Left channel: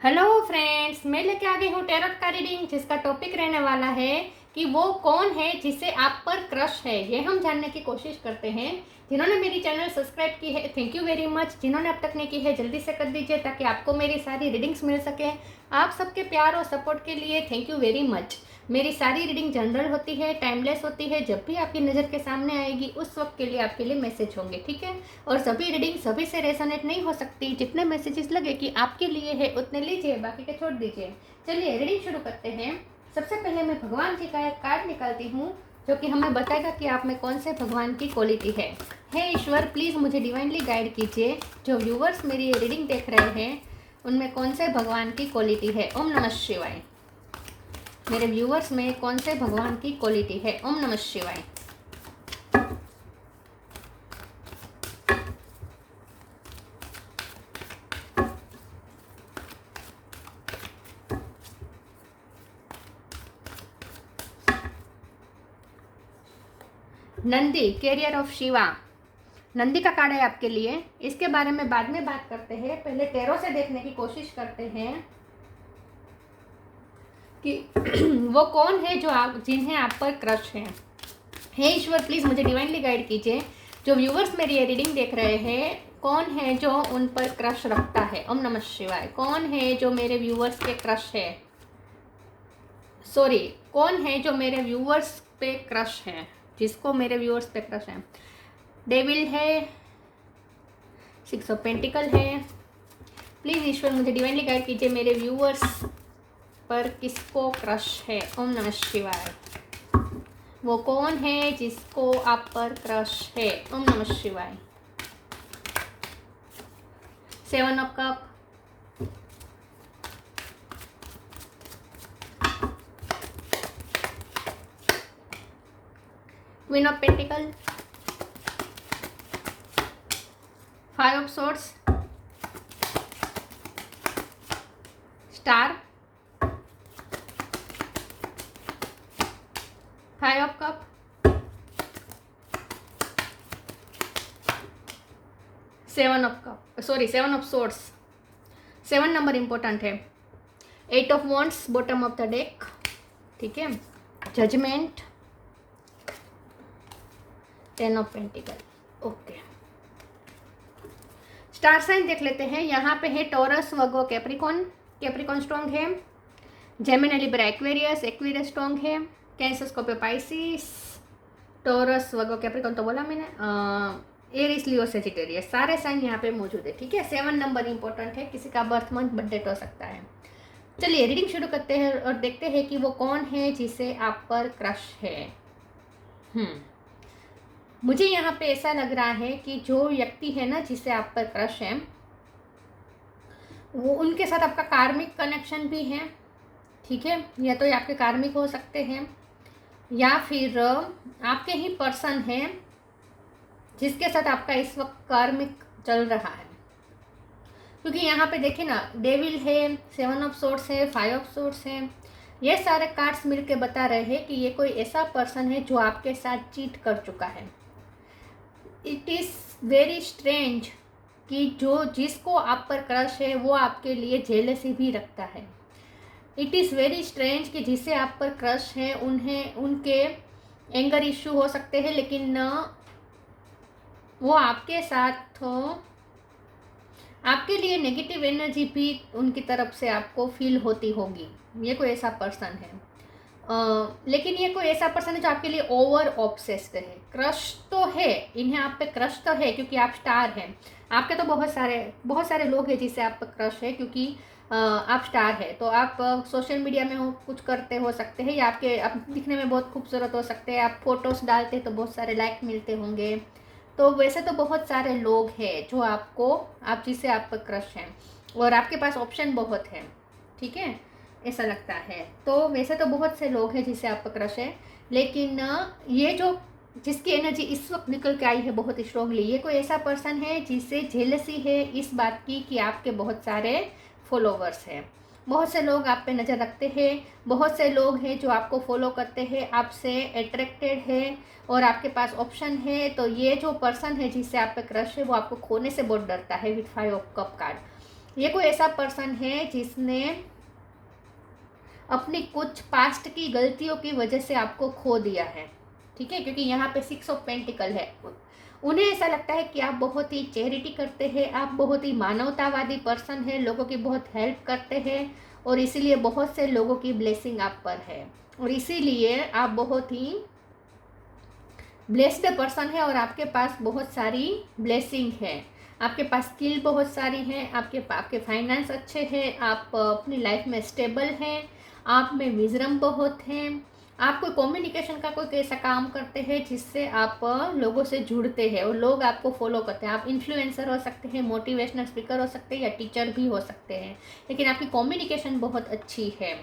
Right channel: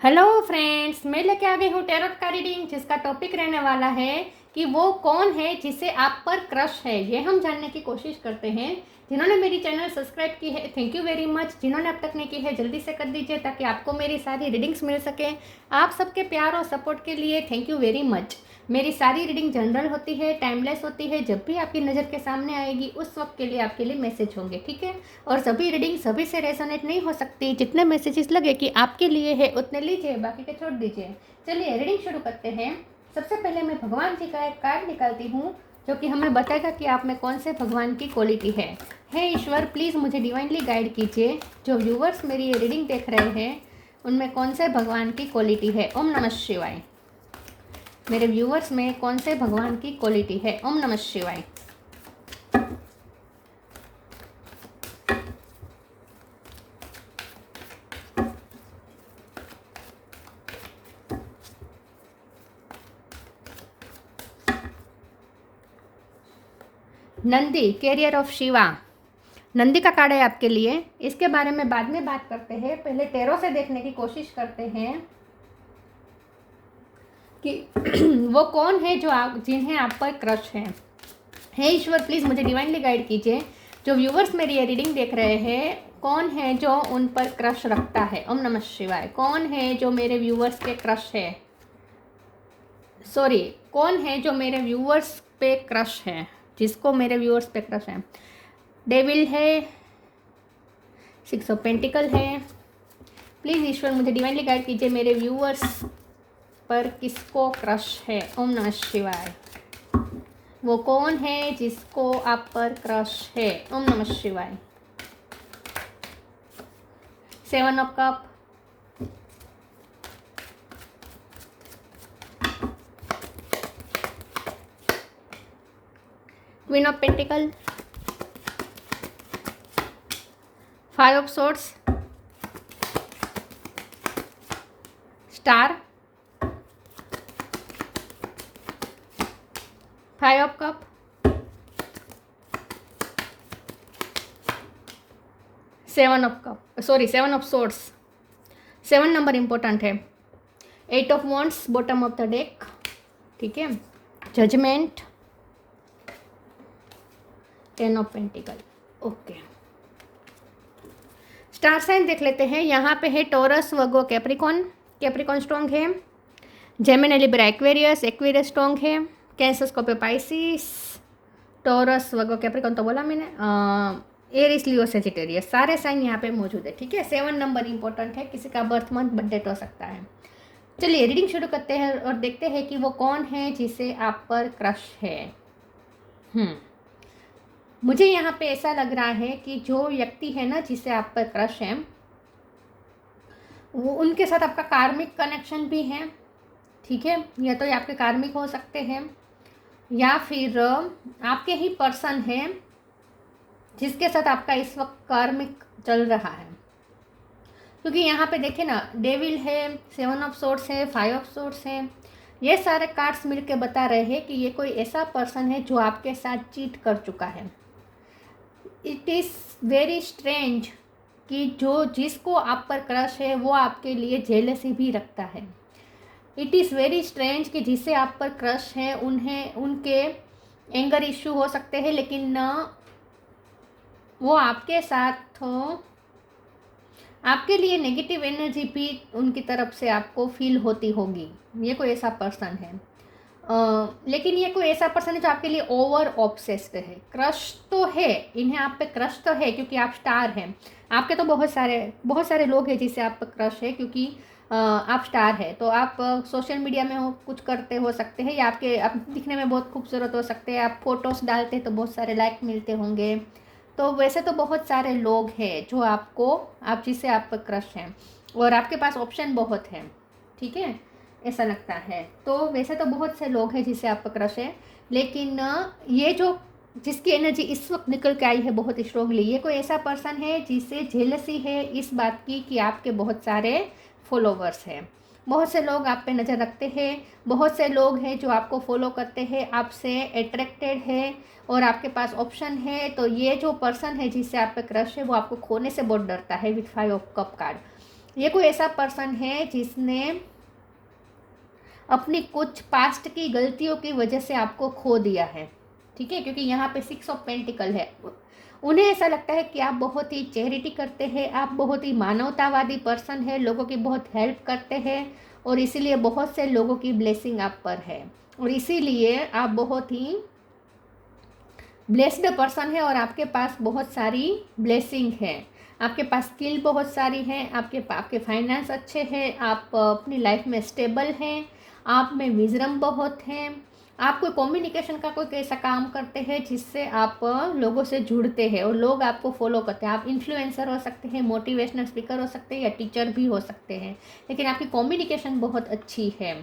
Hello friends, मैं लेके आ गई हूँ टैरोट का रीडिंग जिसका टॉपिक रहने वाला है कि वो कौन है जिसे आप पर क्रश है। ये हम जानने की कोशिश करते हैं। जिन्होंने मेरी चैनल सब्सक्राइब की है थैंक यू वेरी मच। जिन्होंने अब तक नहीं की है जल्दी से कर दीजिए ताकि आपको मेरी सारी रीडिंग्स मिल सके। आप सबके प्यार और सपोर्ट के लिए थैंक यू वेरी मच। मेरी सारी रीडिंग जनरल होती है, टाइमलेस होती है। जब भी आपकी नज़र के सामने आएगी उस वक्त के लिए आपके लिए मैसेज होंगे, ठीक है। और सभी रीडिंग सभी से रेजोनेट नहीं हो सकती। जितने मैसेजेस लगे कि आपके लिए है उतने लीजिए, बाकी के छोड़ दीजिए। चलिए रीडिंग शुरू करते हैं। सबसे पहले मैं भगवान जी का एक कार्ड निकालती हूँ जो कि हमें बताएगा कि आप में कौन से भगवान की क्वालिटी है। हे ईश्वर, प्लीज़ मुझे डिवाइनली गाइड कीजिए। जो व्यूवर्स मेरी ये रीडिंग देख रहे हैं उनमें कौन से भगवान की क्वालिटी है। ओम नमः शिवाय। मेरे व्यूवर्स में कौन से भगवान की क्वालिटी है। ओम नमः शिवाय। Nandi, carrier of Shiva. नंदी का कार्ड है आपके लिए। इसके बारे में बाद में बात करते हैं, पहले टैरो से देखने की कोशिश करते हैं कि वो कौन है जो आप जिन्हें आप पर क्रश है। हे ईश्वर, प्लीज़ मुझे डिवाइनली गाइड कीजिए। जो व्यूवर्स मेरी ये रीडिंग देख रहे हैं कौन है जो उन पर क्रश रखता है। ओम नमः शिवाय। कौन है जो मेरे व्यूवर्स के क्रश है, सॉरी, कौन है जो मेरे व्यूवर्स पे क्रश है, जिसको मेरे व्यूवर्स पे क्रश है। डेविल है, 6 ऑफ पेंटिकल है। प्लीज़ ईश्वर मुझे डिवाइनली गाइड कीजिए मेरे व्यूअर्स पर किसको क्रश है। ओम नमः शिवाय। वो कौन है जिसको आप पर क्रश है। ओम नमः शिवाय। 7 of cup, queen of pentacle, 5 of swords, star, 5 of cup, 7 of cup, sorry 7 of swords. 7 number important है। 8 of wands bottom of the deck, ठीक है। Judgement, 10 of pentacle, okay. Star sign देख लेते हैं। यहाँ पे है Taurus, Virgo, Capricorn. Capricorn strong है। Gemini, Libra, Aquarius. Aquarius strong है। Cancer, Scorpio, Pisces. Taurus, Virgo, Capricorn तो बोला मैंने। एरिस, लियो, सेजिटेरियस, सारे साइन यहाँ पे मौजूद है, ठीक है। 7 नंबर इंपॉर्टेंट है। किसी का बर्थ मंथ बर्थ डेट हो सकता है। चलिए रीडिंग शुरू करते हैं और देखते हैं कि वो कौन है जिसे आप पर क्रश है। मुझे यहाँ पे ऐसा लग रहा है कि जो व्यक्ति है ना जिसे आप पर क्रश है वो उनके साथ आपका कार्मिक कनेक्शन भी है, ठीक है। या तो आपके कार्मिक हो सकते हैं या फिर आपके ही पर्सन है जिसके साथ आपका इस वक्त कार्मिक चल रहा है। क्योंकि यहाँ पे देखिए ना, डेविल है, 7 ऑफ सोर्ड्स है, 5 ऑफ सोर्ड्स है। ये सारे कार्ड्स मिलके बता रहे हैं कि ये कोई ऐसा पर्सन है जो आपके साथ चीट कर चुका है। इट इज़ वेरी स्ट्रेंज कि जो जिसको आप पर क्रश है वो आपके लिए जेलसी भी रखता है। इट इज़ वेरी स्ट्रेंज कि जिसे आप पर क्रश है उन्हें उनके एंगर इश्यू हो सकते हैं, लेकिन वो आपके साथ हो, आपके लिए नेगेटिव एनर्जी भी उनकी तरफ से आपको फील होती होगी। ये कोई ऐसा पर्सन है। लेकिन ये कोई ऐसा पर्सन है जो आपके लिए ओवर ऑब्सेस्ड है। क्रश तो है, इन्हें आप पे क्रश तो है क्योंकि आप स्टार हैं। आपके तो बहुत सारे लोग हैं जिससे आप पे क्रश है क्योंकि आप स्टार है। तो आप सोशल मीडिया में कुछ करते हो सकते हैं या आप दिखने में बहुत खूबसूरत हो सकते हैं। आप फोटोज़ डालते हैं तो बहुत सारे लाइक मिलते होंगे। तो वैसे तो बहुत सारे लोग हैं जो आप जिससे आप पे क्रश हैं और आपके पास ऑप्शन बहुत है, ठीक है, ऐसा लगता है। तो वैसे तो बहुत से लोग हैं जिससे आप पे क्रश है, लेकिन ये जो जिसकी एनर्जी इस वक्त निकल के आई है बहुत स्ट्रांगली, ये कोई ऐसा पर्सन है जिससे जेलसी है इस बात की कि आपके बहुत सारे फॉलोवर्स हैं। बहुत से लोग आप पे नज़र रखते हैं, बहुत से लोग हैं जो आपको फॉलो करते हैं, आपसे अट्रैक्टेड है और आपके पास ऑप्शन है। तो ये जो पर्सन है जिससे आप पे क्रश है वो आपको खोने से बहुत डरता है। विथ 5 ऑफ कप कार्ड ये कोई ऐसा पर्सन है जिसने अपनी कुछ पास्ट की गलतियों की वजह से आपको खो दिया है, ठीक है, क्योंकि यहाँ पे 6 ऑफ पेंटिकल है। उन्हें ऐसा लगता है कि आप बहुत ही चैरिटी करते हैं, आप बहुत ही मानवतावादी पर्सन है, लोगों की बहुत हेल्प करते हैं और इसीलिए बहुत से लोगों की ब्लेसिंग आप पर है और इसीलिए आप बहुत ही ब्लेस्ड पर्सन है और आपके पास बहुत सारी ब्लेसिंग है। आपके पास स्किल बहुत सारी है, आपके फाइनेंस अच्छे हैं, आप अपनी लाइफ में स्टेबल हैं, आप में विजडम बहुत है, आप कोई कम्युनिकेशन का कोई ऐसा काम करते हैं जिससे आप लोगों से जुड़ते हैं और लोग आपको फॉलो करते हैं। आप इन्फ्लुएंसर हो सकते हैं, मोटिवेशनल स्पीकर हो सकते हैं या टीचर भी हो सकते हैं, लेकिन आपकी कम्युनिकेशन बहुत अच्छी है।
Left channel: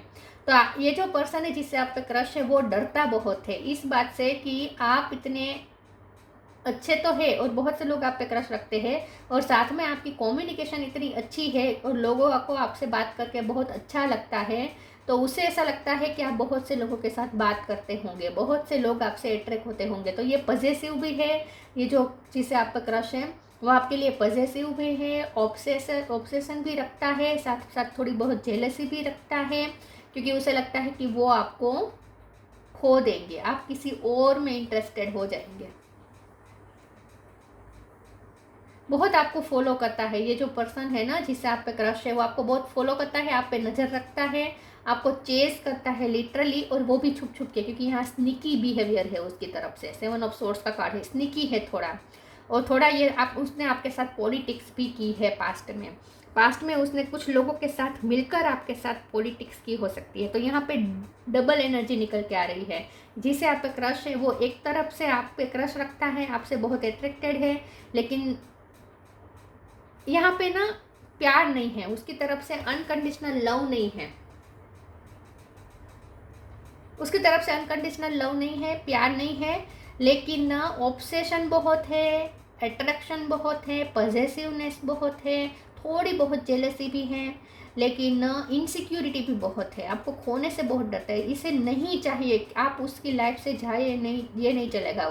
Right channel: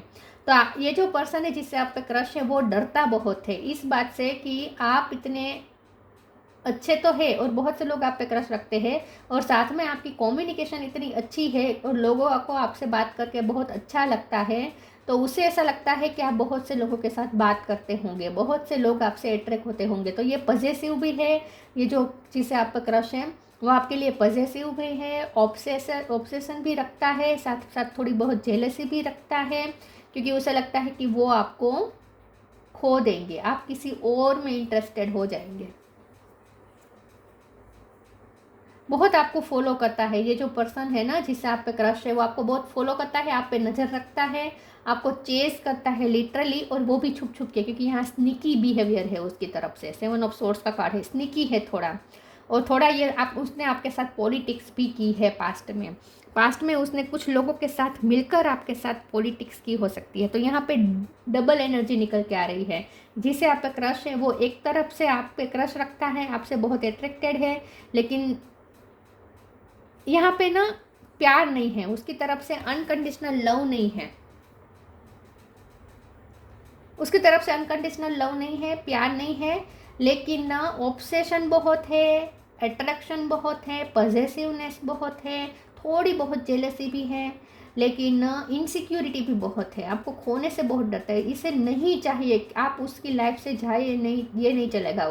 तो ये जो पर्सन है जिससे आप पे क्रश है वो डरता बहुत है इस बात से कि आप इतने अच्छे तो है और बहुत से लोग आप पे क्रश रखते हैं और साथ में आपकी कम्युनिकेशन इतनी अच्छी है और लोगों को आपसे बात करके बहुत अच्छा लगता है, तो उसे ऐसा लगता है कि आप बहुत से लोगों के साथ बात करते होंगे, बहुत से लोग आपसे अट्रैक्ट होते होंगे। तो ये पॉजेसिव भी है, ये जो जिससे आप पे क्रश है वो आपके लिए पॉजेसिव भी है, ऑब्सेशन भी रखता है, साथ साथ थोड़ी बहुत जेलसी भी रखता है, क्योंकि उसे लगता है कि वो आपको खो देंगे, आप किसी और में इंटरेस्टेड हो जाएंगे। बहुत आपको फॉलो करता है ये जो पर्सन है ना जिससे आप पे क्रश है, वो आपको बहुत फॉलो करता है, आप पे नज़र रखता है, आपको चेस करता है लिटरली, और वो भी छुप छुप के, क्योंकि यहाँ स्निकी बिहेवियर है उसकी तरफ से। 7 ऑफ सोर्ड्स का कार्ड है, स्निकी है थोड़ा, और थोड़ा ये उसने आपके साथ पॉलिटिक्स भी की है पास्ट में उसने कुछ लोगों के साथ मिलकर आपके साथ पॉलिटिक्स की हो सकती है। तो यहाँ पे डबल एनर्जी निकल के आ रही है। जिसे आप पे क्रश है वो एक तरफ से आप पे क्रश रखता है, आपसे बहुत अट्रैक्टेड है, लेकिन यहाँ पे ना प्यार नहीं है उसकी तरफ से, अनकंडीशनल लव नहीं है उसकी तरफ से, अनकंडीशनल लव नहीं है, प्यार नहीं है, लेकिन ना ऑब्सेशन बहुत है, अट्रैक्शन बहुत है, पॉजेसिवनेस बहुत है, थोड़ी बहुत जेलसी भी है, लेकिन इनसिक्योरिटी भी बहुत है, आपको खोने से बहुत डरता है, इसे नहीं चाहिए आप उसकी लाइफ से जाए, नहीं ये नहीं चलेगा,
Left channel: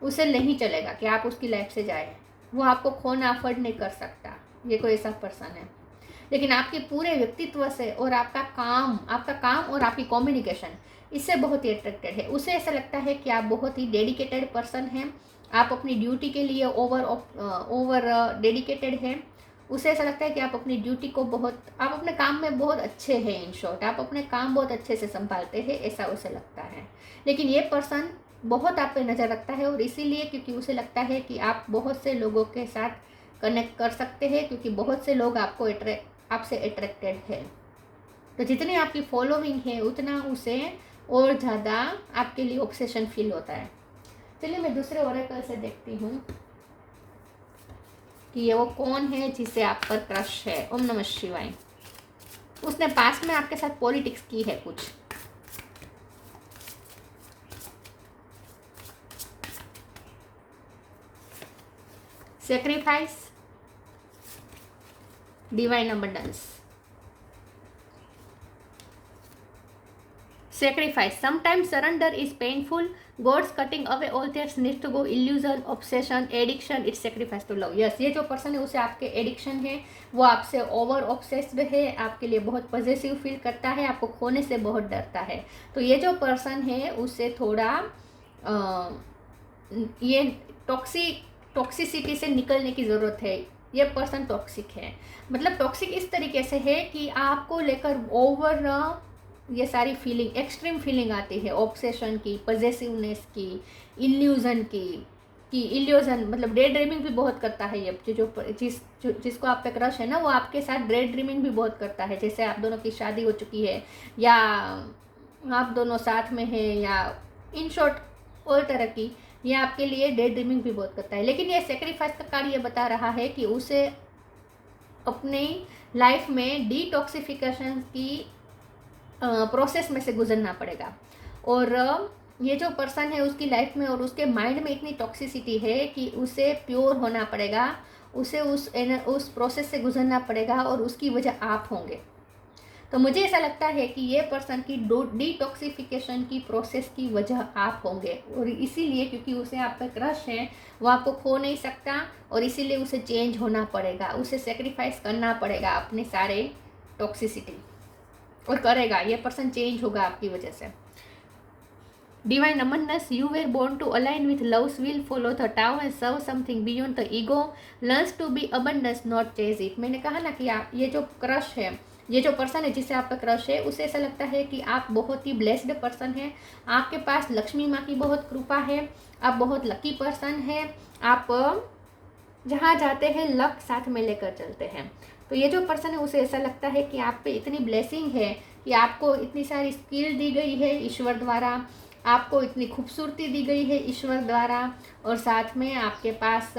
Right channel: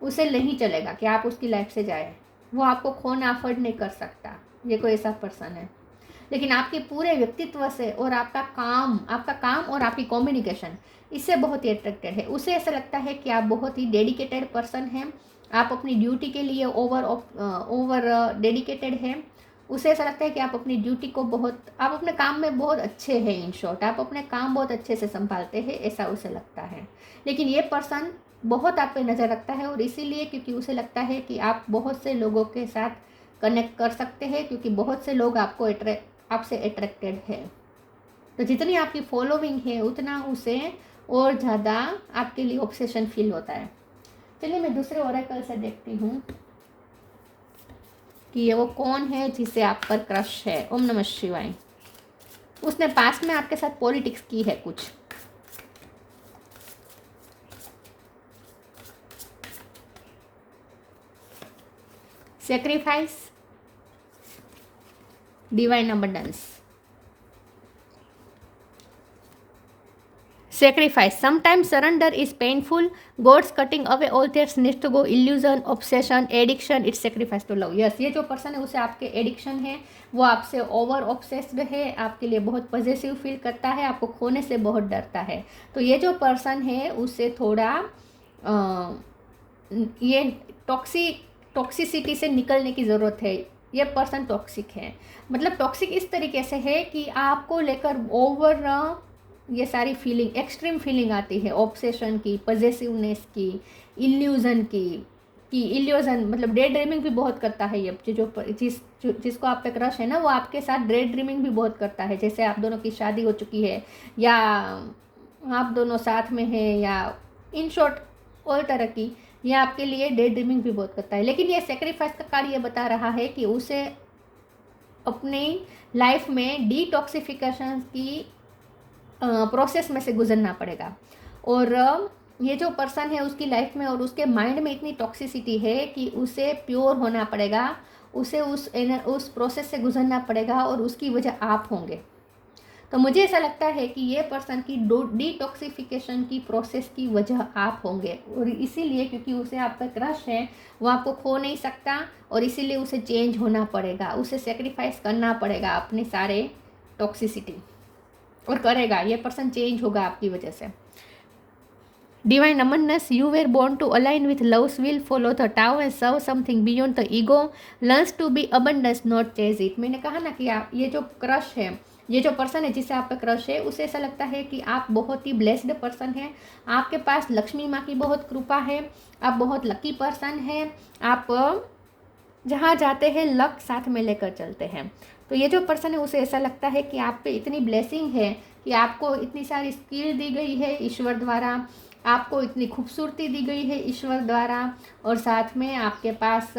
उसे नहीं चलेगा कि आप उसकी लाइफ से जाए, वो आपको खोना अफोर्ड नहीं कर सकता, ये कोई ऐसा पर्सन है। लेकिन आपके पूरे व्यक्तित्व से और आपका काम और आपकी कम्युनिकेशन इससे बहुत ही अट्रैक्टेड है। उसे ऐसा लगता है कि आप बहुत ही डेडिकेटेड पर्सन हैं, आप अपनी ड्यूटी के लिए ओवर डेडिकेटेड हैं। उसे ऐसा लगता है कि आप अपनी ड्यूटी को आप अपने काम में बहुत अच्छे हैं, इन शॉर्ट आप अपने काम बहुत अच्छे से संभालते हैं, ऐसा उसे लगता है। लेकिन ये पर्सन बहुत आप पे नज़र रखता है और इसीलिए क्योंकि उसे लगता है कि आप बहुत से लोगों के साथ कनेक्ट कर सकते हैं, क्योंकि बहुत से लोग आपसे अट्रैक्टेड है। तो जितनी आपकी फॉलोइंग है उतना उसे और ज़्यादा आपके लिए ऑब्सेशन फील होता है। चलिए मैं दूसरे ओरेकल से देखती हूँ कि ये वो कौन है जिसे आप पर क्रश है। ओम नमः शिवाय। उसने पास्ट में आपके साथ पॉलिटिक्स की है कुछ, sacrifice, divine abundance, sacrifice. Sometimes surrender is painful. God's cutting away all that needs to go. Illusion, obsession, addiction. It's sacrifice to love. Yes, ये जो पर्सन है उसे आपके एडिक्शन है, वो आपसे ओवर ऑब्सेस्ड है, आपके लिए बहुत पॉजेसिव फील करता है, आपको खोने से बहुत डरता है। तो ये जो पर्सन है उससे थोड़ा ये टॉक्सिसिटी से निकलने की ज़रूरत है। ये पर्सन टॉक्सिक है, मतलब टॉक्सिक इस तरीके से है कि आपको लेकर ओवर ये सारी फीलिंग, एक्सट्रीम फीलिंग आती है, ऑब्सेशन की, पॉजेसिवनेस की, इल्यूजन की इल्यूजन, मतलब डे ड्रीमिंग भी बहुत करता है ये जिसको आप पे क्रश है ना, वो आपके साथ डे ड्रीमिंग भी बहुत करता है। जैसे आप दोनों की शादी हो चुकी है या आप दोनों साथ में हैं या इन शॉर्ट और तरह की, ये आपके लिए डे ड्रीमिंग भी बहुत करता है। लेकिन ये सेक्रीफाइस का कार्ड ये बता रहा है कि उसे अपनी लाइफ में डिटॉक्सिफिकेशन की प्रोसेस में से गुजरना पड़ेगा। और ये जो पर्सन है उसकी लाइफ में और उसके माइंड में इतनी टॉक्सिसिटी है कि उसे प्योर होना पड़ेगा, उसे उस प्रोसेस से गुजरना पड़ेगा और उसकी वजह आप होंगे। तो मुझे ऐसा लगता है कि ये पर्सन की डिटॉक्सिफिकेशन की प्रोसेस की वजह आप होंगे, और इसीलिए क्योंकि उसे आपका क्रश है, वो आपको खो नहीं सकता, और इसीलिए उसे चेंज होना पड़ेगा, उसे सेक्रीफाइस करना पड़ेगा अपने सारे टॉक्सिसिटी, और करेगा। ये पर्सन चेंज होगा आपकी वजह से। Divine Amanus, you were born to align with love's will, follow the Tao and serve something beyond the ego, learns to be abundance, not chase it। मैंने कहा ना कि आप, ये जो क्रश है, ये जो पर्सन है जिससे आपका क्रश है, उसे ऐसा लगता है कि आप बहुत ही ब्लेस्ड पर्सन हैं, आपके पास लक्ष्मी माँ की बहुत कृपा है, आप बहुत लकी पर्सन हैं, आप जहाँ जाते हैं लक साथ में लेकर चलते हैं। तो ये जो पर्सन है उसे ऐसा लगता है कि आप पे इतनी ब्लेसिंग है कि आपको इतनी सारी स्किल दी गई है ईश्वर द्वारा, आपको इतनी खूबसूरती दी गई है ईश्वर द्वारा, और साथ में आपके पास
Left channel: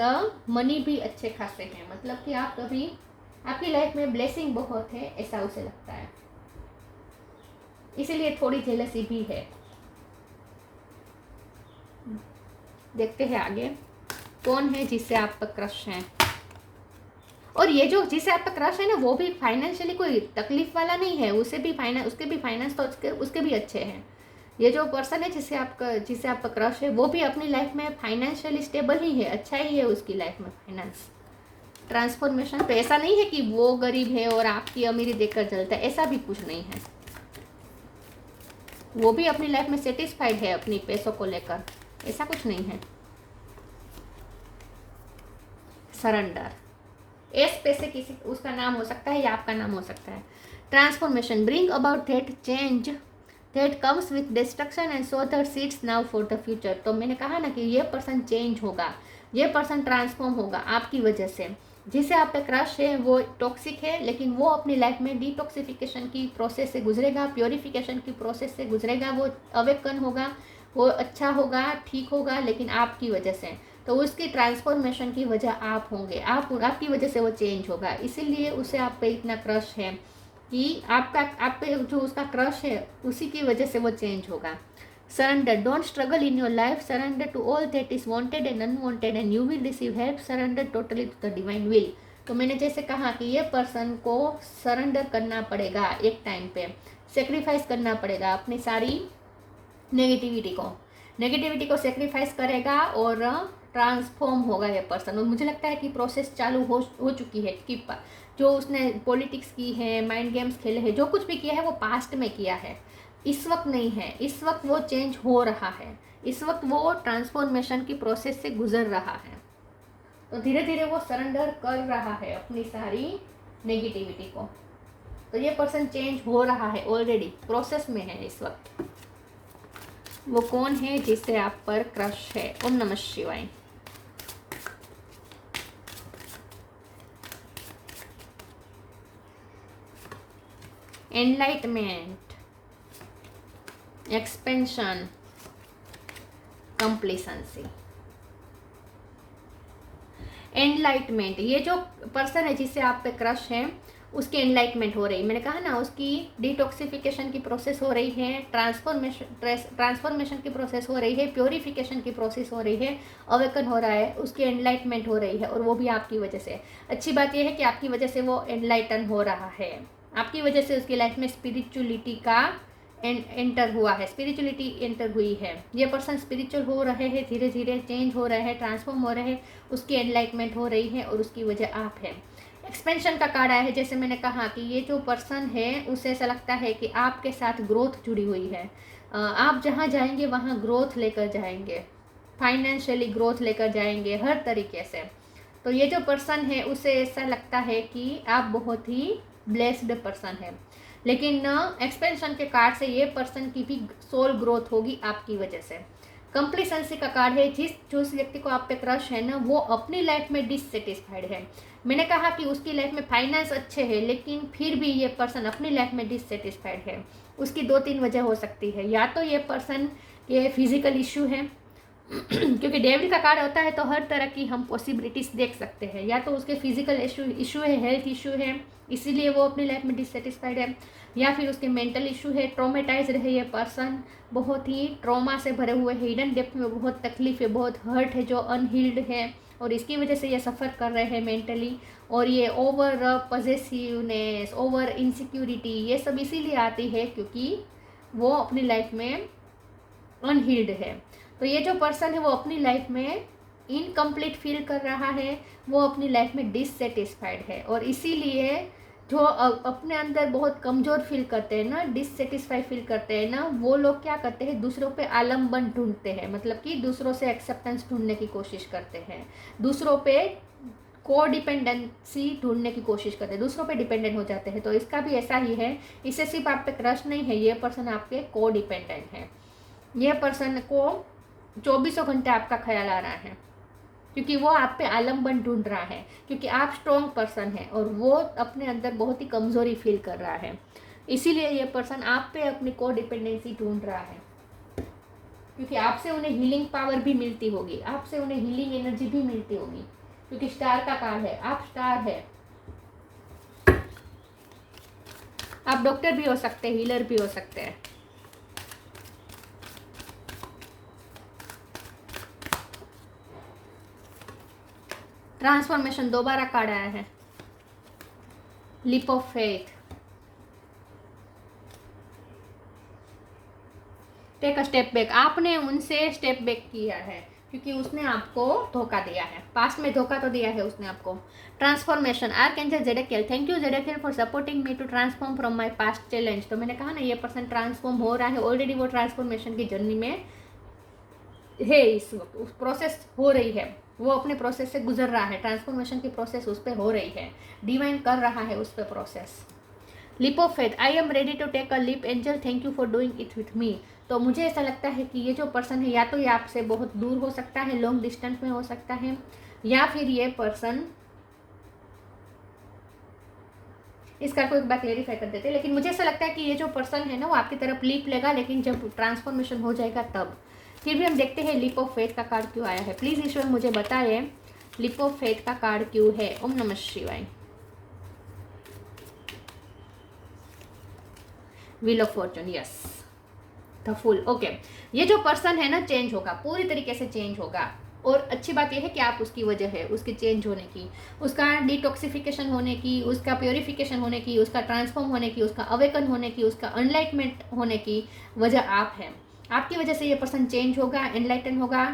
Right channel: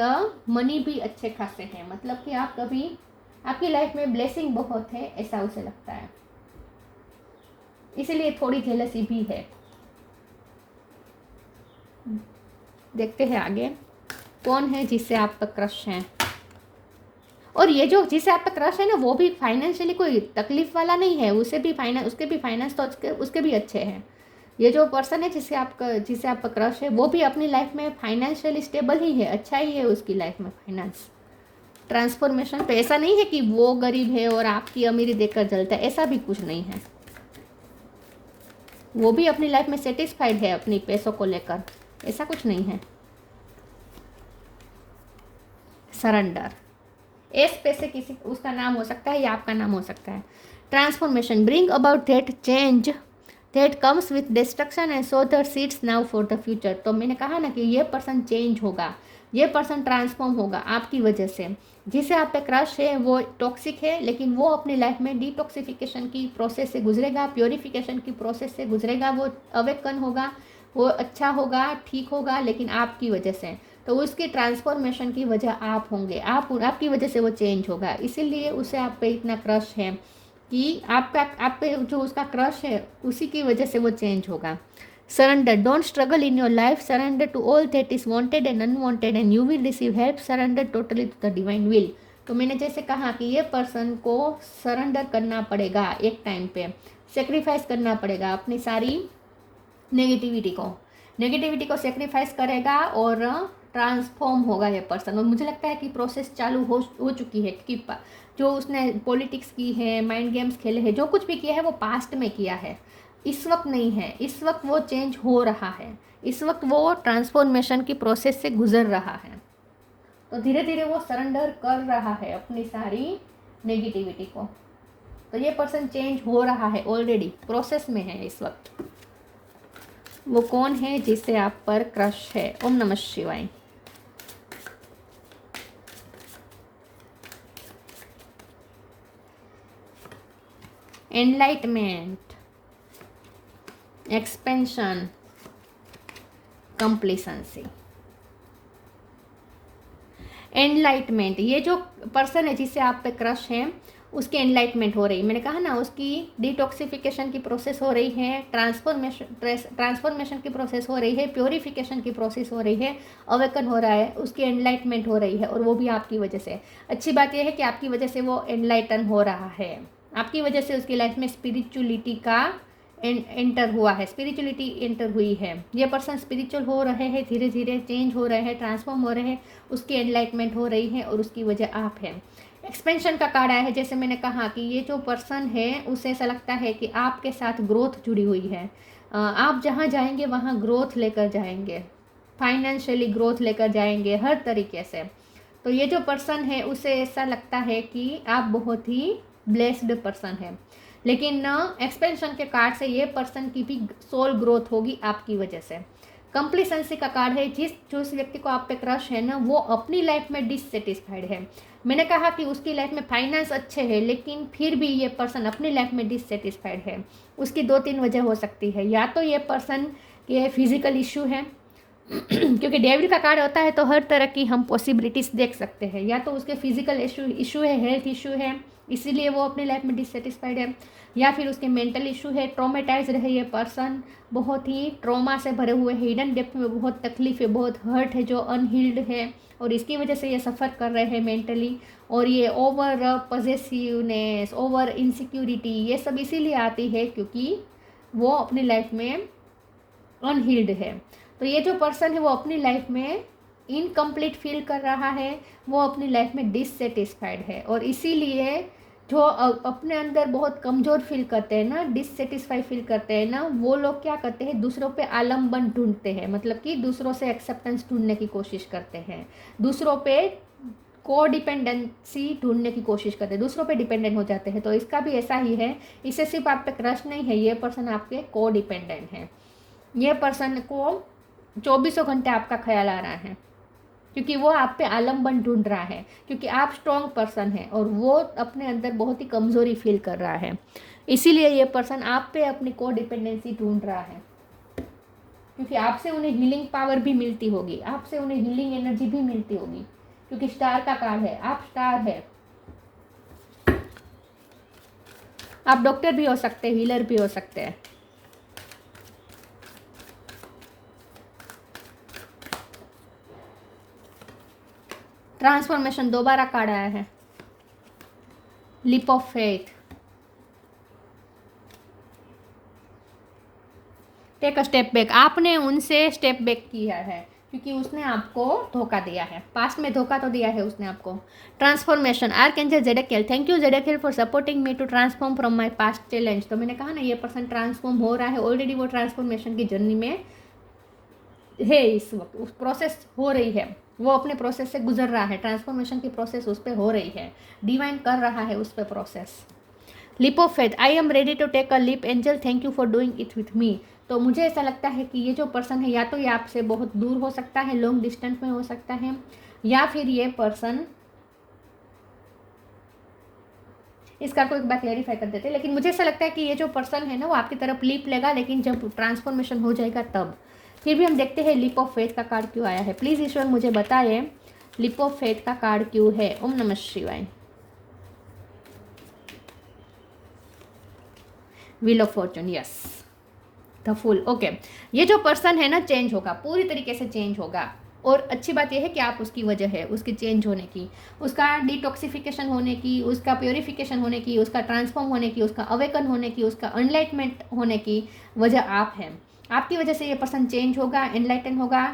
मनी भी अच्छे खासे हैं, मतलब कि आप कभी, आपकी लाइफ में ब्लेसिंग बहुत है, ऐसा उसे लगता है, इसीलिए थोड़ी जेलसी भी है। देखते हैं आगे कौन है जिससे आपका क्रश है। और ये जो जिसे आपका क्रश है ना, वो भी फाइनेंशियली कोई तकलीफ वाला नहीं है, उसके भी फाइनेंस तो उसके भी अच्छे हैं। ये जो पर्सन है जिसे आपका क्रश है, वो भी अपनी लाइफ में फाइनेंशियली स्टेबल ही है, अच्छा ही है उसकी लाइफ में फाइनेंस। ट्रांसफॉर्मेशन पे ऐसा नहीं है कि वो गरीब है और आपकी अमीरी देखकर जलता है, ऐसा भी कुछ नहीं है। वो भी अपनी लाइफ में सेटिस्फाइड है अपनी पैसों को लेकर, ऐसा कुछ नहीं है। सरेंडर, एस पे से किसी उसका नाम हो सकता है या आपका नाम हो सकता है। Transformation, bring about that change that comes with destruction and so the seeds now for the future. तो मैंने कहा ना कि ये पर्सन चेंज होगा, ये पर्सन ट्रांसफॉर्म होगा आपकी वजह से। जिसे आप पे क्रश है वो टॉक्सिक है, लेकिन वो अपनी लाइफ में डिटॉक्सिफिकेशन की प्रोसेस से गुजरेगा, प्योरिफिकेशन की प्रोसेस से गुजरेगा, वो अवेकन होगा, वो अच्छा होगा, ठीक होगा, लेकिन आपकी वजह से। तो उसकी ट्रांसफॉर्मेशन की वजह आप होंगे, आपकी वजह से वो चेंज होगा, इसीलिए उसे आप पे इतना क्रश है कि आपके जो उसका क्रश है उसी की वजह से वो चेंज होगा। Surrender, don't struggle in your life, surrender to all that is wanted and unwanted and you will receive help, surrender totally to the divine will. तो मैंने जैसे कहा कि ये पर्सन को सरेंडर करना पड़ेगा, एक टाइम पे सेक्रीफाइस करना पड़ेगा अपनी सारी नेगेटिविटी को सेक्रीफाइस करेगा और ट्रांसफॉर्म होगा ये पर्सन। और मुझे लगता है कि प्रोसेस चालू हो चुकी है, कि जो उसने पॉलिटिक्स की है, माइंड गेम्स खेले हैं, जो कुछ भी किया है वो पास्ट में किया है, इस वक्त नहीं है, इस वक्त वो चेंज हो रहा है, इस वक्त वो ट्रांसफॉर्मेशन की प्रोसेस से गुजर रहा है। तो धीरे धीरे वो सरेंडर कर रहा है अपनी सारी नेगेटिविटी को। तो ये पर्सन चेंज हो रहा है, ऑलरेडी प्रोसेस में है इस वक्त। वो कौन है जिससे आप पर क्रश है? ओम नमः शिवाय। Enlightenment, expansion, कंप्लीसेंसी। एनलाइटमेंट, ये जो पर्सन है जिससे आप पे क्रश है उसकी एनलाइटमेंट हो रही, मैंने कहा ना उसकी डिटॉक्सिफिकेशन की प्रोसेस हो रही है, ट्रांसफॉर्मेशन की प्रोसेस हो रही है, प्योरिफिकेशन की प्रोसेस हो रही है, अवेकन हो रहा है, उसकी एनलाइटमेंट हो रही है, और वो भी आपकी वजह से। अच्छी बात यह है कि आपकी वजह से वो एनलाइटन हो रहा है, आपकी वजह से उसकी लाइफ में स्पिरिचुअलिटी का एंटर हुआ है, स्पिरिचुअलिटी एंटर हुई है। ये पर्सन स्पिरिचुअल हो रहे हैं, धीरे धीरे चेंज हो रहे हैं, ट्रांसफॉर्म हो रहे हैं, उसकी एनलाइटमेंट हो रही है, और उसकी वजह आप है। एक्सपेंशन का कार्ड आया है, जैसे मैंने कहा कि ये जो पर्सन है उसे ऐसा लगता है कि आपके साथ ग्रोथ जुड़ी हुई है, आप जहाँ जाएंगे वहाँ ग्रोथ लेकर जाएंगे, फाइनेंशियली ग्रोथ लेकर जाएंगे, हर तरीके से। तो ये जो पर्सन है उसे ऐसा लगता है कि आप बहुत ही ब्लेस्ड पर्सन है, लेकिन एक्सपेंशन के कार्ड से ये पर्सन की भी सोल ग्रोथ होगी आपकी वजह से। कंप्लीसेंसी का कार्ड है, जिस व्यक्ति को आप पे क्रश है ना, वो अपनी लाइफ में डिससेटिस्फाइड है। मैंने कहा कि उसकी लाइफ में फाइनेंस अच्छे है, लेकिन फिर भी ये पर्सन अपनी लाइफ में डिससेटिस्फाइड है। उसकी 2-3 वजह हो सकती है, या तो ये पर्सन के फिजिकल इशू है क्योंकि डेविल का कार्ड होता है तो हर तरह की हम पॉसिबिलिटीज़ देख सकते हैं, या तो उसके फिजिकल इशू है, हेल्थ इशू है, इसीलिए वो अपनी लाइफ में डिससेटिस्फाइड है, या फिर उसके मेंटल इशू है, ट्रॉमेटाइज रहे ये पर्सन, बहुत ही ट्रॉमा से भरे हुए, हिडन डेप्थ में बहुत तकलीफ है, बहुत हर्ट है जो अनहील्ड है, और इसकी वजह से ये सफ़र कर रहे हैं मेंटली। और ये ओवर पॉसेसिवनेस, ओवर इनसिक्योरिटी, ये सब इसीलिए आती है क्योंकि वो अपनी लाइफ में अनहील्ड है। तो ये जो पर्सन है वो अपनी लाइफ में इनकम्प्लीट फील कर रहा है, वो अपनी लाइफ में डिससेटिस्फाइड है। और इसीलिए जो अपने अंदर बहुत कमज़ोर फील करते हैं ना, डिससेटिस्फाई फील करते हैं ना, वो लोग क्या करते हैं, दूसरों पे आलम्बन ढूंढते हैं, मतलब कि दूसरों से एक्सेप्टेंस ढूंढने की कोशिश करते हैं, दूसरों पे को डिपेंडेंसी ढूंढने की कोशिश करते हैं, दूसरों पे डिपेंडेंट हो जाते हैं। तो इसका भी ऐसा ही है, इससे सिर्फ आप पे क्रश नहीं है, ये पर्सन आपके को डिपेंडेंट है। ये पर्सन को 24 घंटे आपका ख्याल आ रहा है क्योंकि वो आप पे आलम्बन ढूंढ रहा है, क्योंकि आप स्ट्रॉन्ग पर्सन है और वो अपने अंदर बहुत ही कमज़ोरी फील कर रहा है। इसीलिए ये पर्सन आप पे अपनी को डिपेंडेंसी ढूंढ रहा है, क्योंकि आपसे उन्हें हीलिंग पावर भी मिलती होगी, आपसे उन्हें हीलिंग एनर्जी भी मिलती होगी, क्योंकि स्टार का कार्ड है, आप स्टार है। आप डॉक्टर भी हो सकते हैं, हीलर भी हो सकते हैं। ट्रांसफॉर्मेशन दोबारा कार्ड आया है, leap of faith. Take a step back, आपने उनसे स्टेप बैक किया है क्योंकि उसने आपको धोखा दिया है, पास्ट में धोखा तो दिया है उसने आपको। Transformation, archangel Zadkiel, thank you Zadkiel for supporting me to transform from my past challenge. तो मैंने कहा ना ये पर्सन ट्रांसफॉर्म हो रहा है, ऑलरेडी वो ट्रांसफॉर्मेशन की जर्नी में है, इस वक्त उस प्रोसेस हो रही है, वो अपने प्रोसेस से गुजर रहा है, ट्रांसफॉर्मेशन की प्रोसेस उस पर हो रही है, डिवाइन कर रहा है उस पर process. Leap of faith, I am ready to take a leap angel, thank you for doing it with me. तो मुझे ऐसा लगता है कि ये जो पर्सन है या तो ये आपसे बहुत दूर हो सकता है, लॉन्ग डिस्टेंस में हो सकता है, या फिर ये पर्सन, इसका को एक बार क्लेरिफाई कर देते हैं, लेकिन मुझे ऐसा लगता है कि ये जो पर्सन है ना वो आपकी तरफ लीप लेगा, लेकिन जब ट्रांसफॉर्मेशन हो जाएगा तब। फिर भी हम देखते हैं लीप ऑफ फेथ का कार्ड क्यों आया है। प्लीज़ ईश्वर मुझे बताएं लीप ऑफ फेथ का कार्ड क्यों है। ओम नमः शिवाय। Wheel of Fortune, yes, the full. Okay, ये जो पर्सन है ना चेंज होगा, पूरी तरीके से चेंज होगा। और अच्छी बात यह है कि आप उसकी वजह है, उसके चेंज होने की, उसका डिटॉक्सिफिकेशन होने की, उसका प्योरिफिकेशन होने की, उसका ट्रांसफॉर्म होने की, उसका अवेकन होने की, उसका एनलाइटमेंट होने की वजह आप हैं। आपकी वजह से ये पर्सन चेंज होगा, एनलाइटन होगा,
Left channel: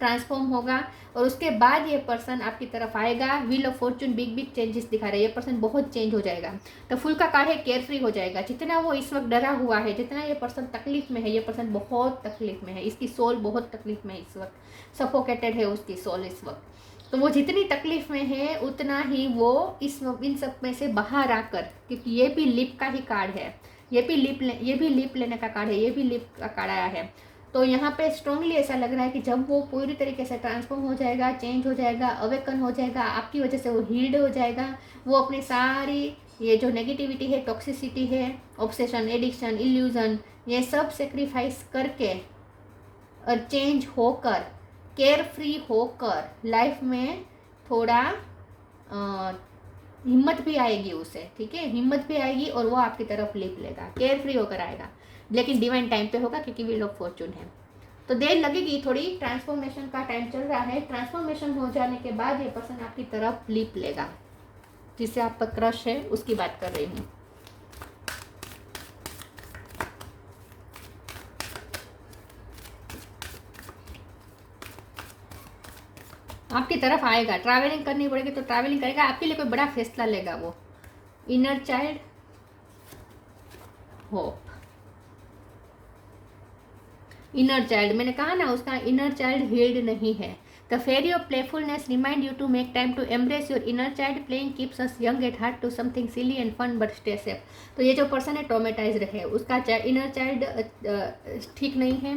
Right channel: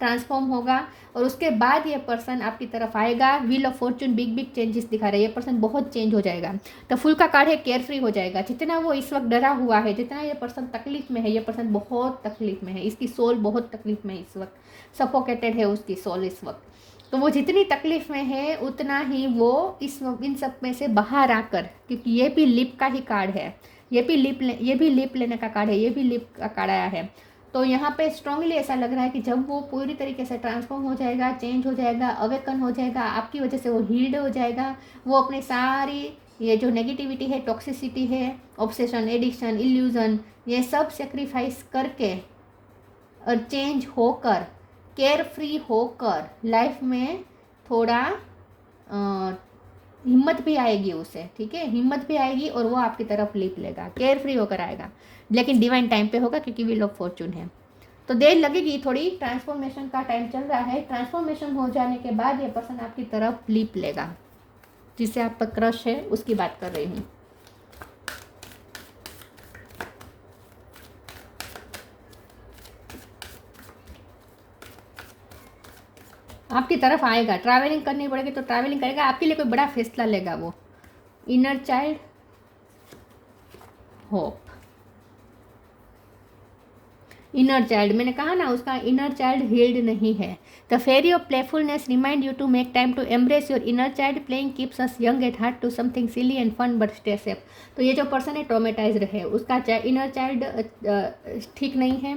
ट्रांसफॉर्म होगा, और उसके बाद ये पर्सन आपकी तरफ आएगा। Wheel of Fortune big big changes दिखा रहे हैं, ये पर्सन बहुत चेंज हो जाएगा। तो फुल का कार्ड है केयर फ्री हो जाएगा। जितना वो इस वक्त डरा हुआ है, जितना ये पर्सन तकलीफ में है, ये पर्सन बहुत तकलीफ में है, इसकी सोल बहुत तकलीफ में है इस वक्त, सफोकेटेड है उसकी सोल इस वक्त। तो वो जितनी तकलीफ में है उतना ही वो इन सब में से बाहर आकर, क्योंकि ये भी लिप का ही कार्ड है, ये भी लिप लेने का कार्ड है, ये भी लिप का कार्ड आया है। तो यहाँ पे स्ट्रांगली ऐसा लग रहा है कि जब वो पूरी तरीके से ट्रांसफॉर्म हो जाएगा, चेंज हो जाएगा, अवेकन हो जाएगा, आपकी वजह से वो हील्ड हो जाएगा, वो अपनी सारी ये जो नेगेटिविटी है, टॉक्सिसिटी है, ऑब्सेशन, एडिक्शन, इल्यूजन, ये सब सेक्रीफाइस करके और चेंज होकर, केयर फ्री होकर लाइफ में थोड़ा हिम्मत भी आएगी उसे, ठीक है, हिम्मत भी आएगी और वो आपकी तरफ लीप लेगा, केयर फ्री होकर आएगा, लेकिन डिवाइन टाइम पे होगा क्योंकि व्हील ऑफ फॉर्चून है। तो देर लगेगी थोड़ी, ट्रांसफॉर्मेशन का टाइम चल रहा है। ट्रांसफॉर्मेशन हो जाने के बाद ये पर्सन आपकी तरफ लीप लेगा, जिससे आपका क्रश है उसकी बात कर रही हूँ। आपकी तरफ आएगा, ट्रैवलिंग करनी पड़ेगी तो ट्रैवलिंग करेगा, आपके लिए कोई बड़ा फैसला लेगा वो। Inner child, hope, inner child, मैंने कहा ना उसका इनर चाइल्ड हील्ड नहीं है। The fairy of playfulness remind you to make time to embrace your inner child, playing keeps us young at heart to something silly and fun but stay safe. तो ये जो person है traumatised है, उसका inner child ठीक नहीं है,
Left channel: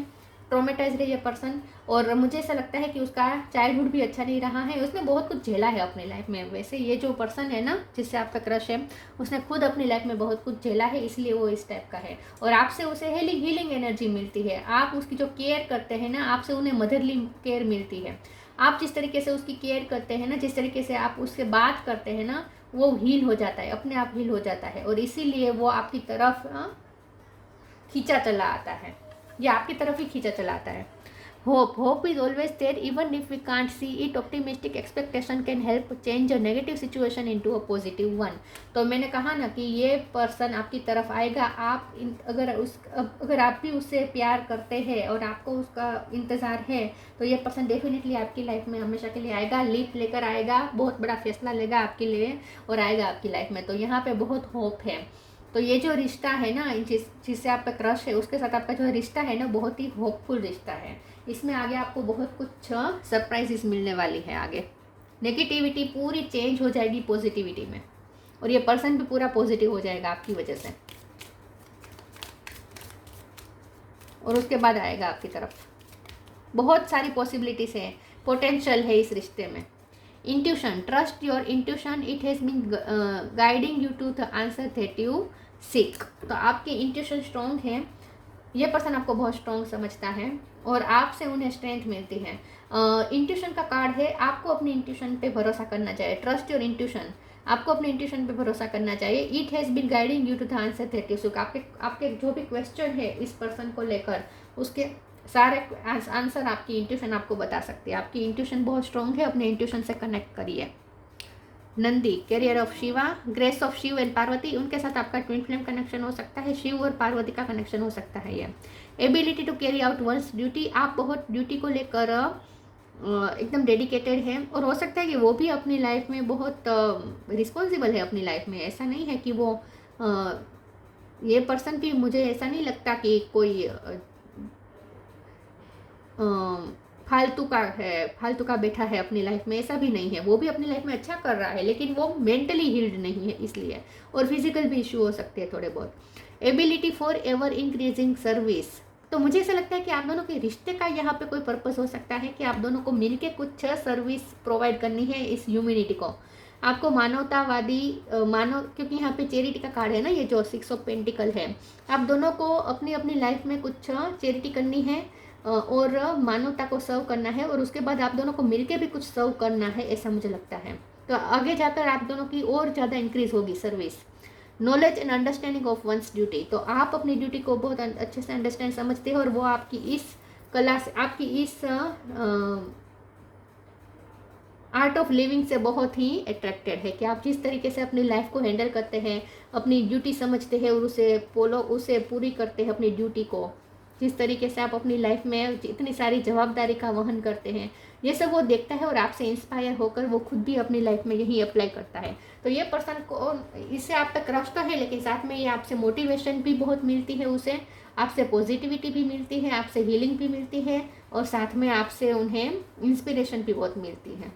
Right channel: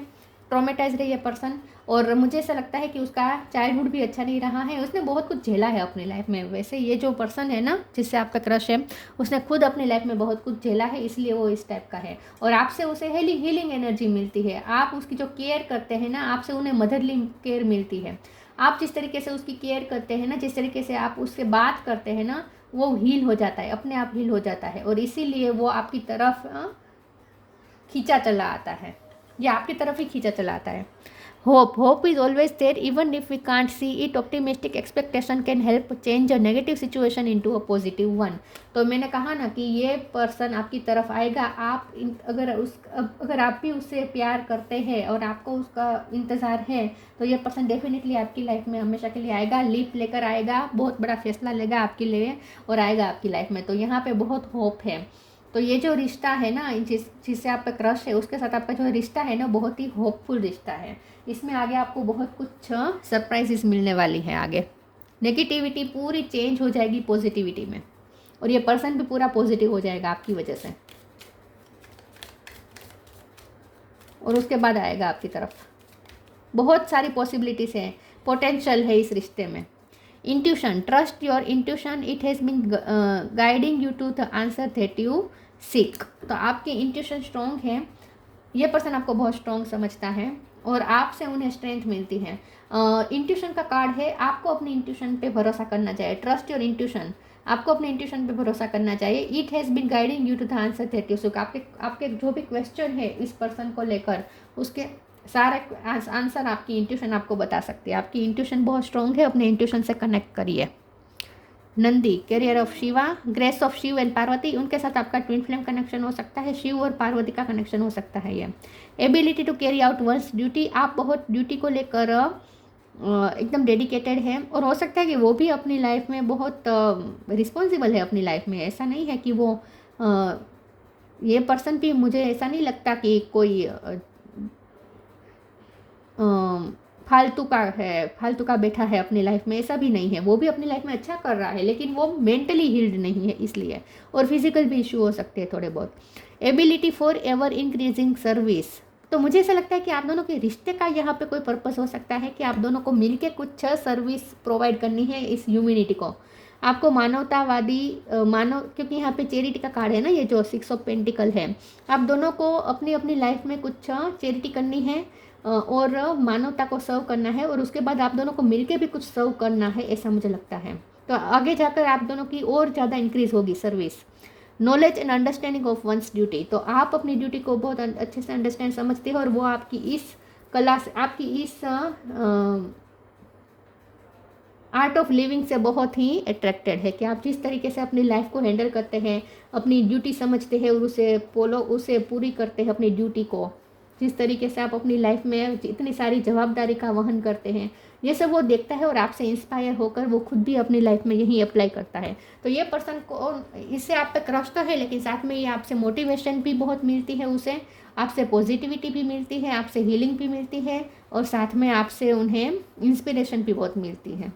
traumatised है ये पर्सन। और मुझे ऐसा लगता है कि उसका चाइल्डहुड भी अच्छा नहीं रहा है, उसने बहुत कुछ झेला है अपनी लाइफ में। वैसे ये जो पर्सन है ना जिससे आपका क्रश है, उसने खुद अपनी लाइफ में बहुत कुछ झेला है, इसलिए वो इस टाइप का है। और आपसे उसे हीलिंग एनर्जी मिलती है, आप उसकी जो केयर करते हैं ना, आपसे उन्हें मदरली केयर मिलती है। आप जिस तरीके से उसकी केयर करते हैं ना, जिस तरीके से आप उससे बात करते हैं ना, वो हील हो जाता है, अपने आप हील हो जाता है, और इसीलिए वो आपकी तरफ खींचा चला आता है, ये आपकी तरफ ही खींचा चला आता है। Hope is always there even if we can't see it. Optimistic expectation can help change a negative situation into a positive one. तो मैंने कहा ना कि ये पर्सन आपकी तरफ आएगा. आप अगर आप भी उससे प्यार करते हैं और आपको उसका इंतज़ार है तो ये पर्सन डेफिनेटली आपकी लाइफ में हमेशा के लिए आएगा. लीप लेकर आएगा, बहुत बड़ा फैसला लेगा आपके लिए और आएगा आपकी लाइफ में. तो यहाँ पे बहुत होप है. तो ये जो रिश्ता है ना, जिससे आपका क्रश है, उसके साथ आपका जो रिश्ता है ना, बहुत ही होपफुल रिश्ता है. इसमें आगे आपको बहुत कुछ सरप्राइजेस मिलने वाली है. आगे नेगेटिविटी पूरी चेंज हो जाएगी पॉजिटिविटी में और ये पर्सन भी पूरा पॉजिटिव हो जाएगा आपकी वजह से और उसके बाद आएगा आपकी तरफ. बहुत सारी पॉसिबिलिटीज़ है, पोटेंशियल है इस रिश्ते में. Intuition, trust your intuition, it has been guiding you to the answer that you seek. तो आपकी इंट्यूशन स्ट्रॉन्ग है. ये पर्सन आपको बहुत स्ट्रॉन्ग समझता है और आपसे उन्हें स्ट्रेंथ मिलती है. इंट्यूशन का कार्ड है. आपको अपनी इंट्यूशन पे भरोसा करना चाहिए. ट्रस्ट योर इंट्यूशन, आपको अपने इंट्यूशन पे भरोसा करना चाहिए. It has been guiding you to the answer that you seek. आपके जो भी क्वेश्चन है इस पर्सन को लेकर, उसके सारे आंसर आपकी इंट्यूशन आपको बता सकती है. आपकी इंट्यूशन बहुत स्ट्रॉन्ग है. अपने इंट्यूशन से कनेक्ट करिए. Nandi, carrier of Shiva, grace of Shiv and Parvati. उनके साथ आपका ट्विन फ्लेम कनेक्शन हो सकता है. शिव और पार्वती का कनेक्शन हो सकता है. ये ability to carry out one's duty, आप बहुत ड्यूटी को लेकर एकदम डेडिकेटेड है और हो सकता है कि वो भी अपनी लाइफ में बहुत रिस्पॉन्सिबल है अपनी लाइफ में. ऐसा नहीं है कि वो ये पर्सन भी, मुझे ऐसा नहीं लगता कि कोई फालतू का बैठा है अपनी लाइफ में. ऐसा भी नहीं है. वो भी अपनी लाइफ में अच्छा कर रहा है लेकिन वो मेंटली हील्ड नहीं है इसलिए. और फिजिकल भी इश्यू हो सकते हैं थोड़े बहुत. Ability for ever increasing service. तो मुझे ऐसा लगता है कि आप दोनों के रिश्ते का यहाँ पे कोई पर्पस हो सकता है कि आप दोनों को मिलके कुछ सर्विस प्रोवाइड करनी है इस ह्यूमैनिटी को. आपको मानवतावादी क्योंकि यहाँ पे चैरिटी का कार्ड है ना, ये जो 6 ऑफ पेंटिकल है. आप दोनों को अपनी अपनी लाइफ में कुछ चैरिटी करनी है और मानवता को सर्व करना है और उसके बाद आप दोनों को मिलके भी कुछ सर्व करना है, ऐसा मुझे लगता है. तो आगे जाकर आप दोनों की और ज़्यादा इंक्रीज होगी service. Knowledge and understanding of once duty. तो आप अपनी ड्यूटी को बहुत अच्छे से अंडरस्टैंड समझते हो और वो आपकी इस कला से, आपकी इस आर्ट ऑफ लिविंग से बहुत ही अट्रैक्टेड है कि आप जिस तरीके से अपनी लाइफ को हैंडल करते हैं, अपनी ड्यूटी समझते हैं और उसे पूरी करते हैं अपनी ड्यूटी को. जिस तरीके से आप अपनी लाइफ में इतनी सारी जवाबदारी का वहन करते हैं, ये सब वो देखता है और आपसे इंस्पायर होकर वो खुद भी अपनी लाइफ में यही अप्लाई करता है. तो ये पर्सन को, इससे आप तक क्रश तो है लेकिन साथ में ये आपसे मोटिवेशन भी बहुत मिलती है. उसे आपसे पॉजिटिविटी भी मिलती है, आपसे हीलिंग भी मिलती है और साथ में आपसे उन्हें इंस्पिरेशन भी बहुत मिलती है.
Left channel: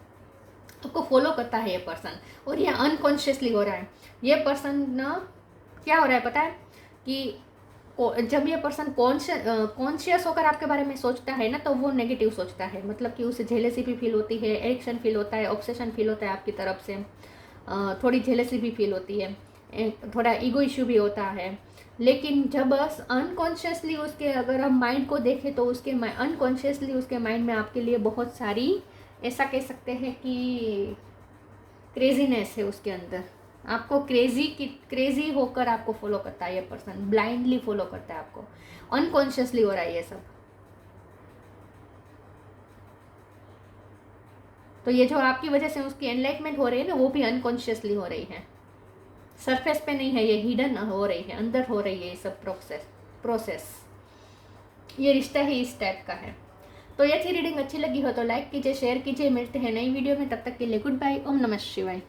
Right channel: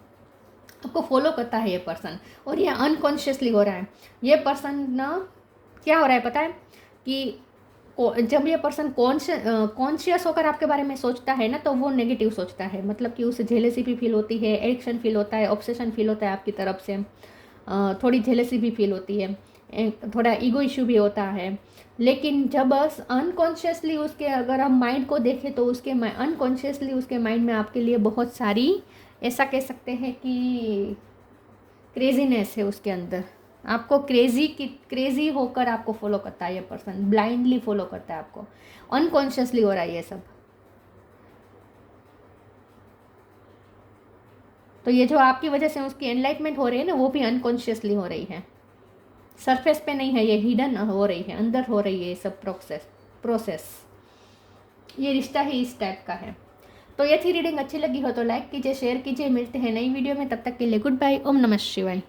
आपको फॉलो करता है ये पर्सन और ये अनकॉन्शियसली हो रहा है. ये पर्सन ना, क्या हो रहा है पता है कि जब ये पर्सन कॉन्शियस होकर आपके बारे में सोचता है ना, तो वो नेगेटिव सोचता है. मतलब कि उसे जेलेसी भी फील होती है, एडिक्शन फील होता है, ऑब्सेशन फील होता है आपकी तरफ से. थोड़ी जेलेसी भी फील होती है, थोड़ा ईगो इश्यू भी होता है. लेकिन जब अनकॉन्शियसली उसके, अगर हम माइंड को देखें तो उसके अनकॉन्शियसली उसके माइंड में आपके लिए बहुत सारी, ऐसा कह सकते हैं कि क्रेजीनेस है उसके अंदर. आपको क्रेजी होकर आपको फॉलो करता है ये पर्सन. ब्लाइंडली फॉलो करता है आपको. अनकॉन्शियसली हो रहा है ये सब. तो ये जो आपकी वजह से उसकी एनलाइटमेंट हो रही है ना, वो भी अनकॉन्शियसली हो रही है. सरफेस पे नहीं है, ये हिडन हो रही है, अंदर हो रही है ये सब प्रोसेस. ये रिश्ता ही इस टाइप का है. तो ये थी रीडिंग. अच्छी लगी हो तो लाइक कीजिए, शेयर कीजिए. मिलते हैं नई वीडियो में. तब तक के लिए गुड बाय. ओम नमः शिवाय.